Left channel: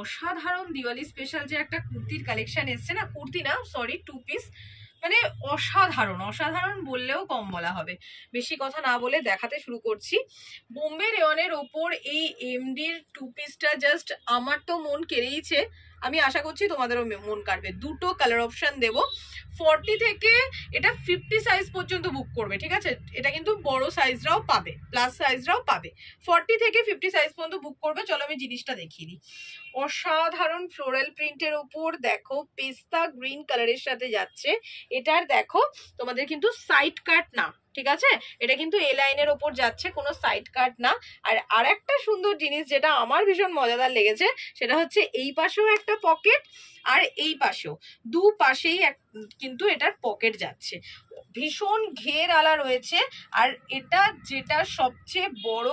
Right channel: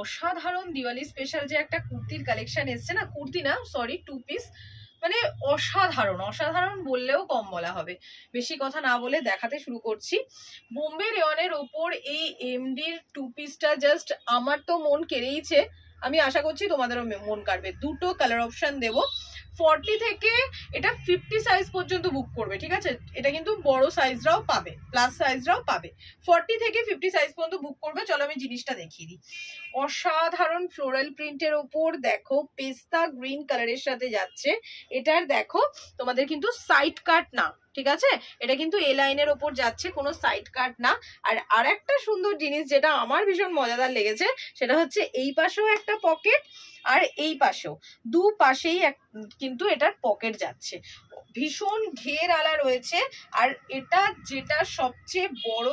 অসাধারণ দিওয়ালি স্পেশাল যে একটা কুর্তির কালেকশন এসছে না, কুর্তি না সরি 2 পিস, মানে অসাধারণ, অসাধারণ বললেও কম বলা হবে। বেশি কথা না বলে দেখাতে শুরু করছি। বোম্বে রেওয়ানের ওপর এই এমডির 2 পিসটা জাস্ট আমার তো মন কেড়েইছে, আমি আশা করছি তোমাদেরও মন কাড়বে। দুটো কালার অপশন দেবো, 40 থেকে এটা 50 সাইজ পর্যন্ত বুক করবে, ঠিক আছে? এটা কিন্তু বড় সাইজরাও পাবে, প্লাস সাইজরাও পাবে। 40 থেকে 50 সাইজ পর্যন্ত বুক করবে। চলো আমি জিনিসটা দেখিয়ে দিই। অসাধারণ ফ্লোরাল প্রিন্টের ওপর দেখো পেস্তা গ্রিন কালারের সাথে যাচ্ছে। এটার দেখো তোমাদের কিন্তু সাইড কাট না, ঠিক আছে? এটা কিন্তু এ লাইনের ওপর যাচ্ছে, কোনো সাইড কাট না। আর আরেকটা সুন্দর জিনিস যেটা আমার ভীষণ মজাদার লেগেছে, সেটা হচ্ছে এই পাশেও একটা পকেট আর এই পাশেও, দু পাশেই কিন্তু এটার পকেট যাচ্ছে। ভীষণ ঘের আলা রয়েছে। আর এটা যেটা সবচেয়ে বড়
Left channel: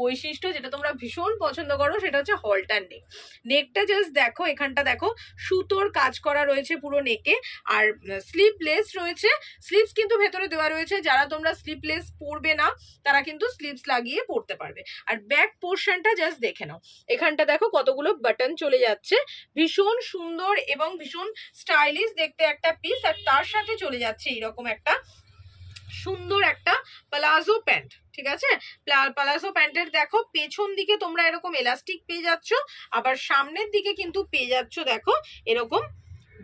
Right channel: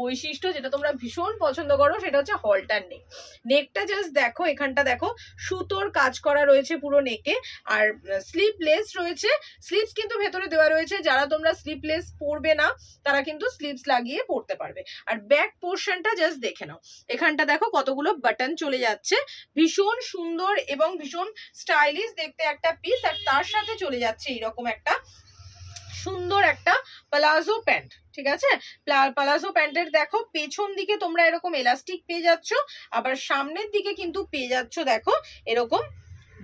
বৈশিষ্ট্য, যেটা তোমরা ভীষণ পছন্দ করো, সেটা হচ্ছে হলটার নেক। নেকটা জাস্ট দেখো, এখানটা দেখো সুতোর কাজ করা রয়েছে পুরো নেকে। আর স্লিভলেস রয়েছে, স্লিভস কিন্তু ভেতরে দেওয়া রয়েছে। যারা তোমরা স্লিভলেস পরবে না তারা কিন্তু স্লিভস লাগিয়ে পরতে পারবে। আর ব্যাক পোর্শনটা জাস্ট দেখে নাও, এখানটা দেখো কতগুলো বাটন চলে যাচ্ছে। ভীষণ সুন্দর এবং ভীষণ স্টাইলিশ দেখতে একটা পিস। আর তার সাথে চলে যাচ্ছে এইরকম একটা সুন্দর একটা প্লাজো প্যান্ট, ঠিক আছে? প্লাজো প্যান্টের দেখো পেছন দিকে তোমরা এরকম এলাস্টিক পেয়ে যাচ্ছ, আবার সামনের দিকে কিন্তু পেয়ে যাচ্ছ দেখো এরকম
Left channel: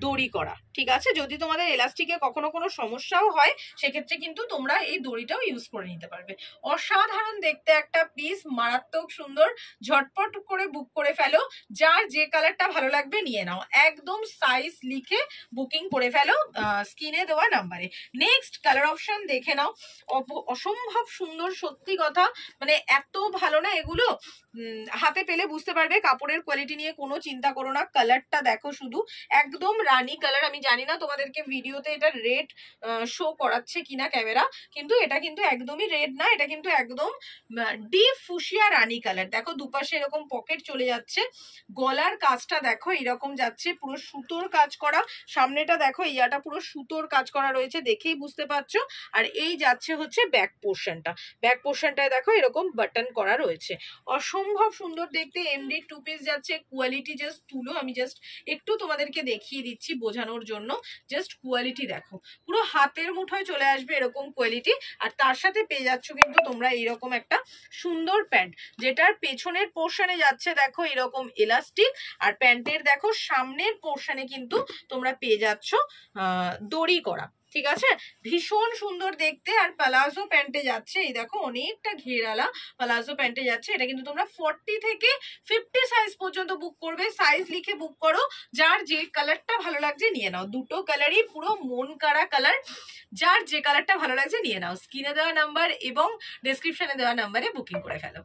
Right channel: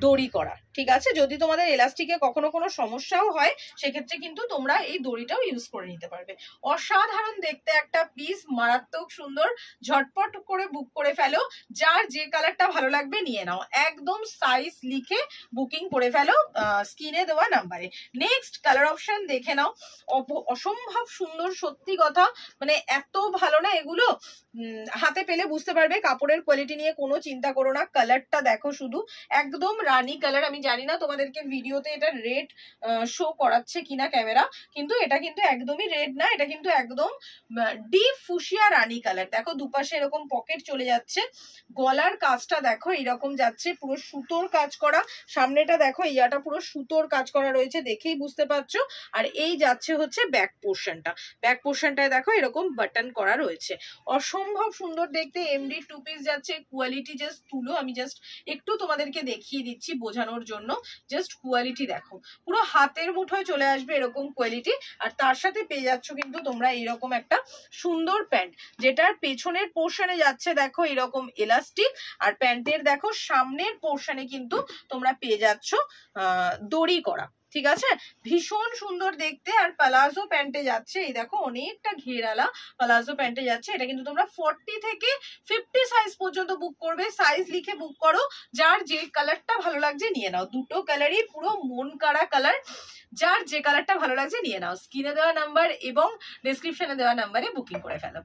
দড়ি করা, ঠিক আছে? যদি তোমাদের এলাস্টিকে কখনো কোনো সমস্যাও হয় সেক্ষেত্রে কিন্তু তোমরা এই দড়িটাও ইউজ করে নিতে পারবে। অসাধারণ দেখতে একটা পিস, মারাত্মক সুন্দর। ঝটপট করে বুক করে ফেলো, যার যে কালারটা ভালো লাগবে নিয়ে নাও। একদম সাইজ লিখে বুকিং করে ফেলো স্ক্রিনে দেওয়া নাম্বারে। নেক্সট কালার অপশন দেখে নাও, অসম্ভব সুন্দর, সত্যি কথা, মানে এত ভালো না এগুলো, হাতে পেলে বুঝতে পারবে। কাপড়ের কোয়ালিটি নিয়ে কোনো চিন্তা করো না। কালারটা দেখো শুধু, একদম রানী কালার। আমি জানি না তোমাদেরকে ভিডিওতে এটা রেড শো করাচ্ছে কিনা ক্যামেরা, কিন্তু এটা কিন্তু একদমই রেড না, এটা কিন্তু একদম ডিপ ফুশিয়া রানী কালার। দেখো দুপাশে এরকম পকেট চলে যাচ্ছে, গলার কাজটা দেখো এরকম যাচ্ছে, পুরো সুতোর কাজ করা। সামনেটা দেখো ইয়াটা পুরো সুতোর কাজ করা রয়েছে, দেখেই বুঝতে পারছো। আর এই যাচ্ছে হচ্ছে ব্যাক পোর্শনটা, ব্যাক পোর্শনটায় দেখো এরকম বাটন করা রয়েছে। অসম্ভব সুন্দর দেখতে এমডি 2 পিস যাচ্ছে। কোয়ালিটি জাস্ট তুলো, আমি জাস্ট একটু তোমাদেরকে দেখিয়ে দিচ্ছি বোঝানোর জন্য। জাস্ট কোয়ালিটি দেখো, পুরো হাতের মুঠোয় চলে আসবে এরকম কোয়ালিটি। আর তার সাথে পেয়ে যাচ্ছ কিন্তু তোমরা এইরকম একটা সুন্দর প্যান্ট, যেটার পেছনের পোর্শনে যাচ্ছে দেখো এরকম এলাস্টিক। আর প্যান্টের দেখো সামনের পোর্শনে কিন্তু তোমরা পেয়ে যাচ্ছ দড়ি করা, ঠিক আছে? ভীষণ সুন্দর দেখতে। আর প্লাজো প্যান্টে যাচ্ছে, এই দেখো অনেকটা ঘেরালা প্লাজো প্যান্টে যাচ্ছে। এটা কিন্তু তোমরা 40 থেকে 50 সাইজ পর্যন্ত বুক করবে। সাইজ লিখে বুক করো, যার যে কালারটা ভালো লাগছে নিয়ে নাও। দুটো কালারই পুরো মন কাড়া কালার, যার যে কালারটা ভালো লাগছে নিয়ে নাও। স্ক্রিনে দেওয়া নাম্বার এবং ডেসক্রিপশনে দেওয়া নাম্বারে বুকিং করে ফেলো।